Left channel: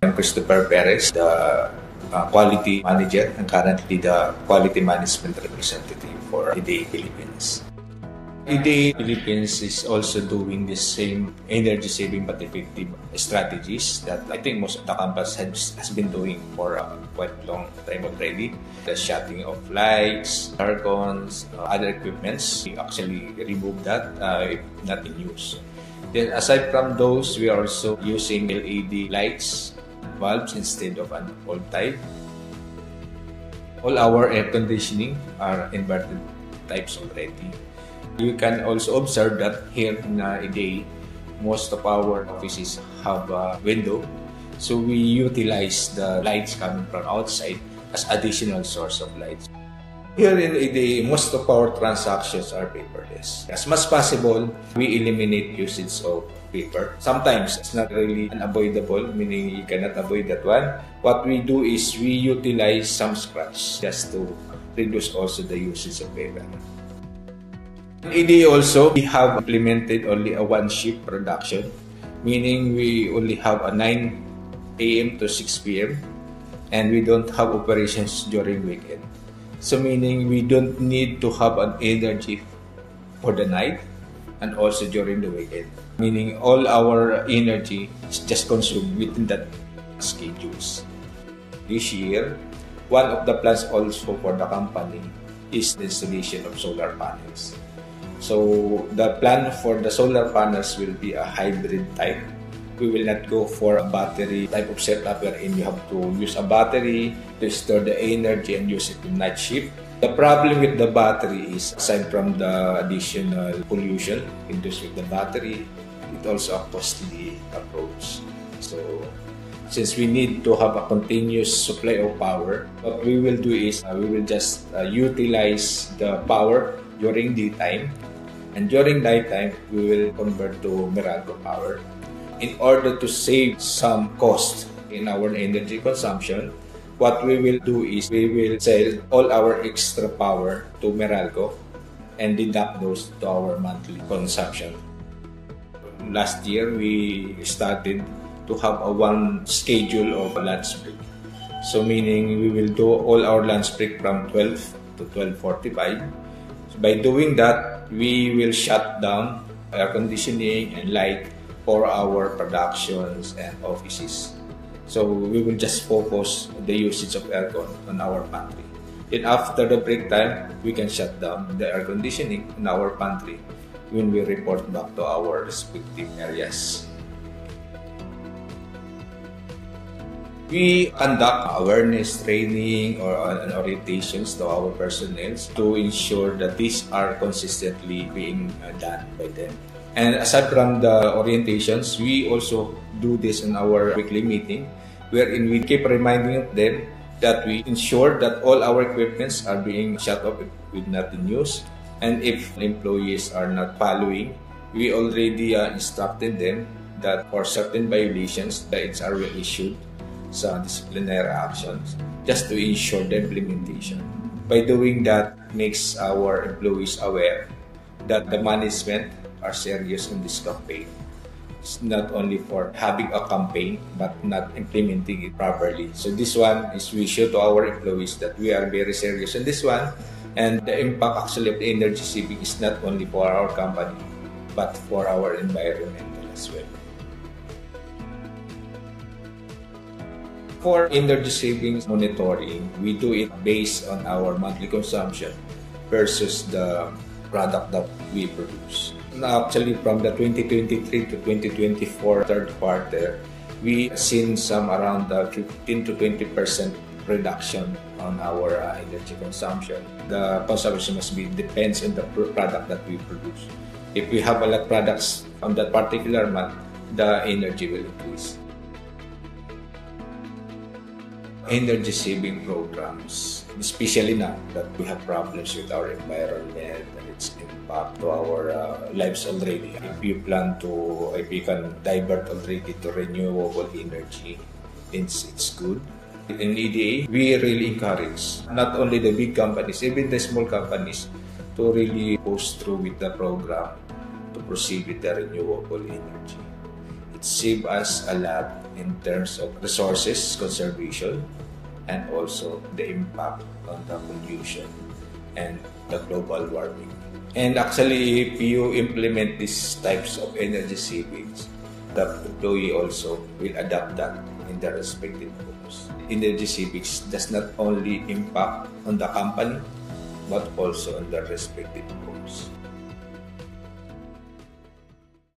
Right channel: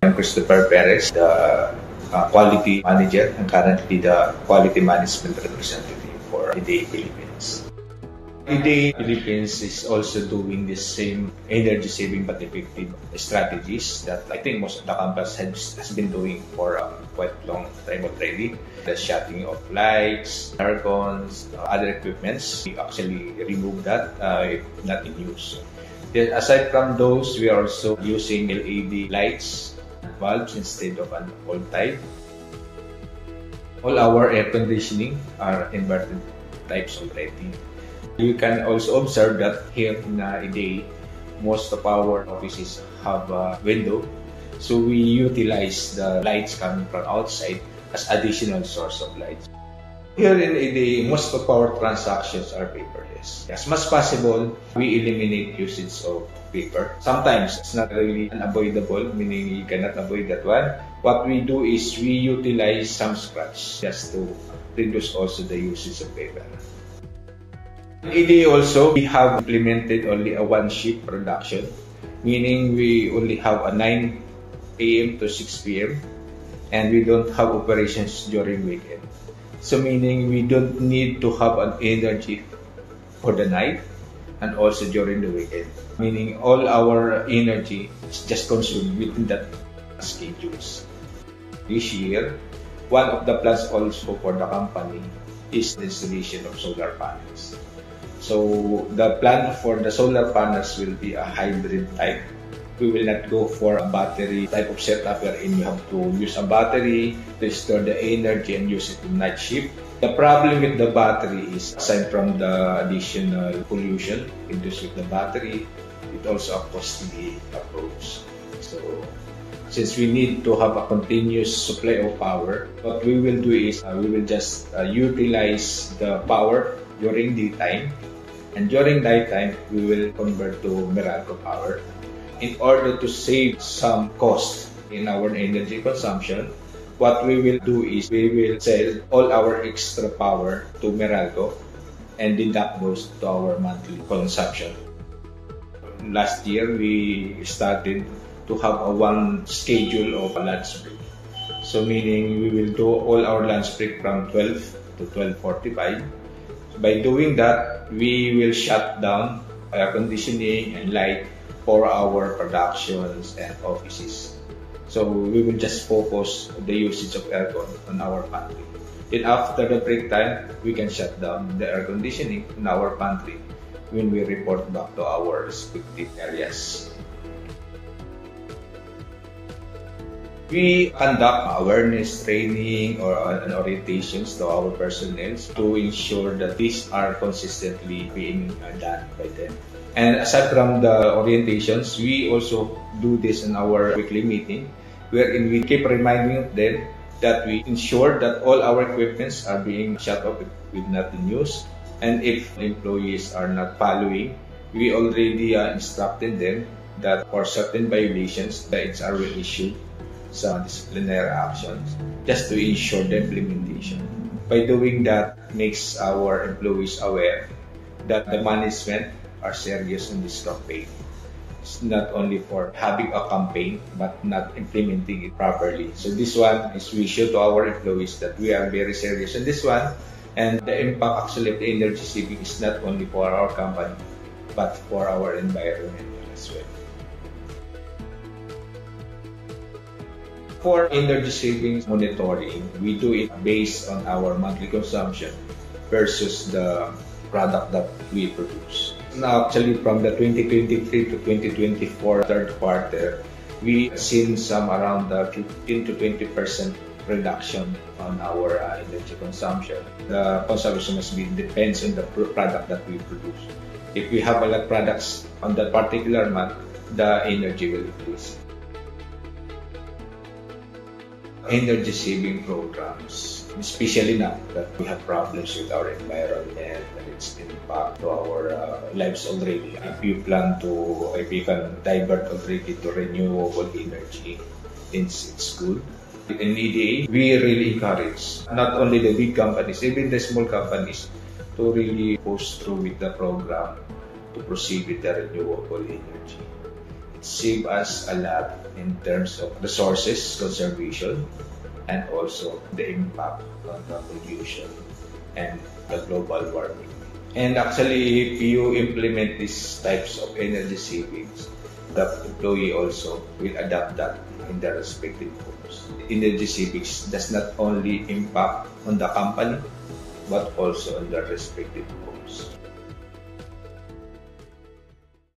I'm Christopher Perez, the quality manager and currently the quality management representative for IDEA Philippines. IDEA Philippines is also doing the same energy-saving but effective strategies that I think most of the companies has been doing for a quite long time already. The shutting of lights, aircons, other equipments, we actually remove that if not in use. Then aside from those, we are also using LED lights, bulbs instead of an old type. All our air conditioning are inverted types already. You can also observe that here in IDEA, most of our offices have a window. So we utilize the lights coming from outside as additional source of lights. Here in IDEA, most of our transactions are paperless. As much as possible, we eliminate usage of paper. Sometimes it's not really unavoidable, meaning you cannot avoid that one. What we do is we utilize some scraps just to reduce also the usage of paper. In IDEA also, we have implemented only a one-shift production, meaning we only have a 9 a.m. to 6 p.m. and we don't have operations during weekend. So meaning we don't need to have an energy for the night and also during the weekend. Meaning all our energy is just consumed within that schedules. This year, one of the plans also for the company is the installation of solar panels. So the plan for the solar panels will be a hybrid type. We will not go for a battery type of setup wherein you have to use a battery to store the energy and use it in night shift. The problem with the battery is, aside from the additional pollution induced with the battery, it also a costly approach. So since we need to have a continuous supply of power, what we will do is we will just utilize the power during daytime, and during nighttime we will convert to Meralco power. In order to save some cost in our energy consumption, what we will do is we will sell all our extra power to Meralco and deduct those to our monthly consumption. Last year, we started to have a one schedule of lunch break. So meaning we will do all our lunch break from 12 to 12:45. So by doing that, we will shut down air conditioning and light for our productions and offices. So we will just focus on the usage of aircon on our pantry. Then after the break time, we can shut down the air conditioning in our pantry when we report back to our respective areas. We conduct awareness training or orientations to our personnel to ensure that these are consistently being done by them. And aside from the orientations, we also do this in our weekly meeting, wherein we keep reminding them that we ensure that all our equipments are being shut off with not in use. And if employees are not following, we already instructed them that for certain violations, the HR will issue some disciplinary actions just to ensure the implementation. By doing that, makes our employees aware that the management are serious in this campaign. It's not only for having a campaign but not implementing it properly. So this one is we show to our employees that we are very serious in this one, and the impact actually of the energy saving is not only for our company but for our environment as well. For energy savings monitoring, we do it based on our monthly consumption versus the product that we produce. Now, actually, from the 2023 to 2024 third quarter, we seen some around 15 to 20% reduction on our energy consumption. The consumption must be depends on the product that we produce. If we have a lot of products on that particular month, the energy will increase. Energy saving programs, especially now that we have problems with our environment and its impact to our lives already. If you can divert already to renewable energy, it's good. In IDEA, we really encourage not only the big companies, even the small companies, to really push through with the program to proceed with the renewable energy. save us a lot in terms of resources conservation and also the impact on the pollution and the global warming. And actually, if you implement these types of energy savings, the employee also will adapt that in their respective homes. Energy savings does not only impact on the company, but also on their respective homes.